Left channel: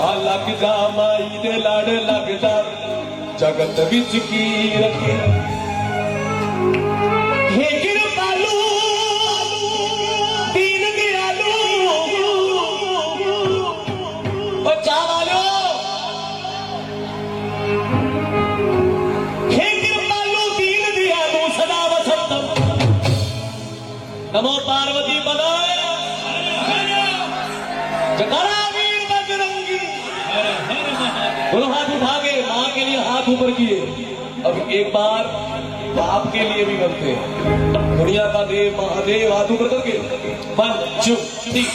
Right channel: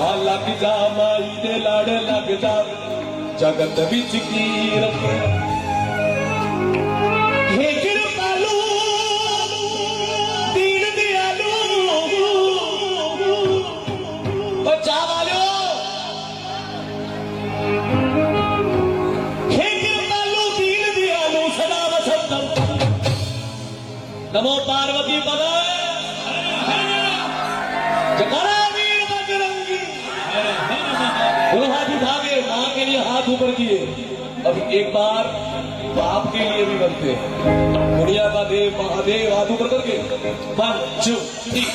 लगदा माई दे लाड़ लगदा जगत विच कीरत हे कृपालू दीन दयालू ओ चावालो हे कृपालू दीन दयालू सदा वसंत नमो पार्वती पदाय जकारा वीर बजरंगी बोलो हाथ उठावे मां के लिए हाथ ऊपर किए। अब एक बार बाप के लिए भी बनते हैं। दुनिया का देव महादेव हाथ ऊपर करके 1 2 3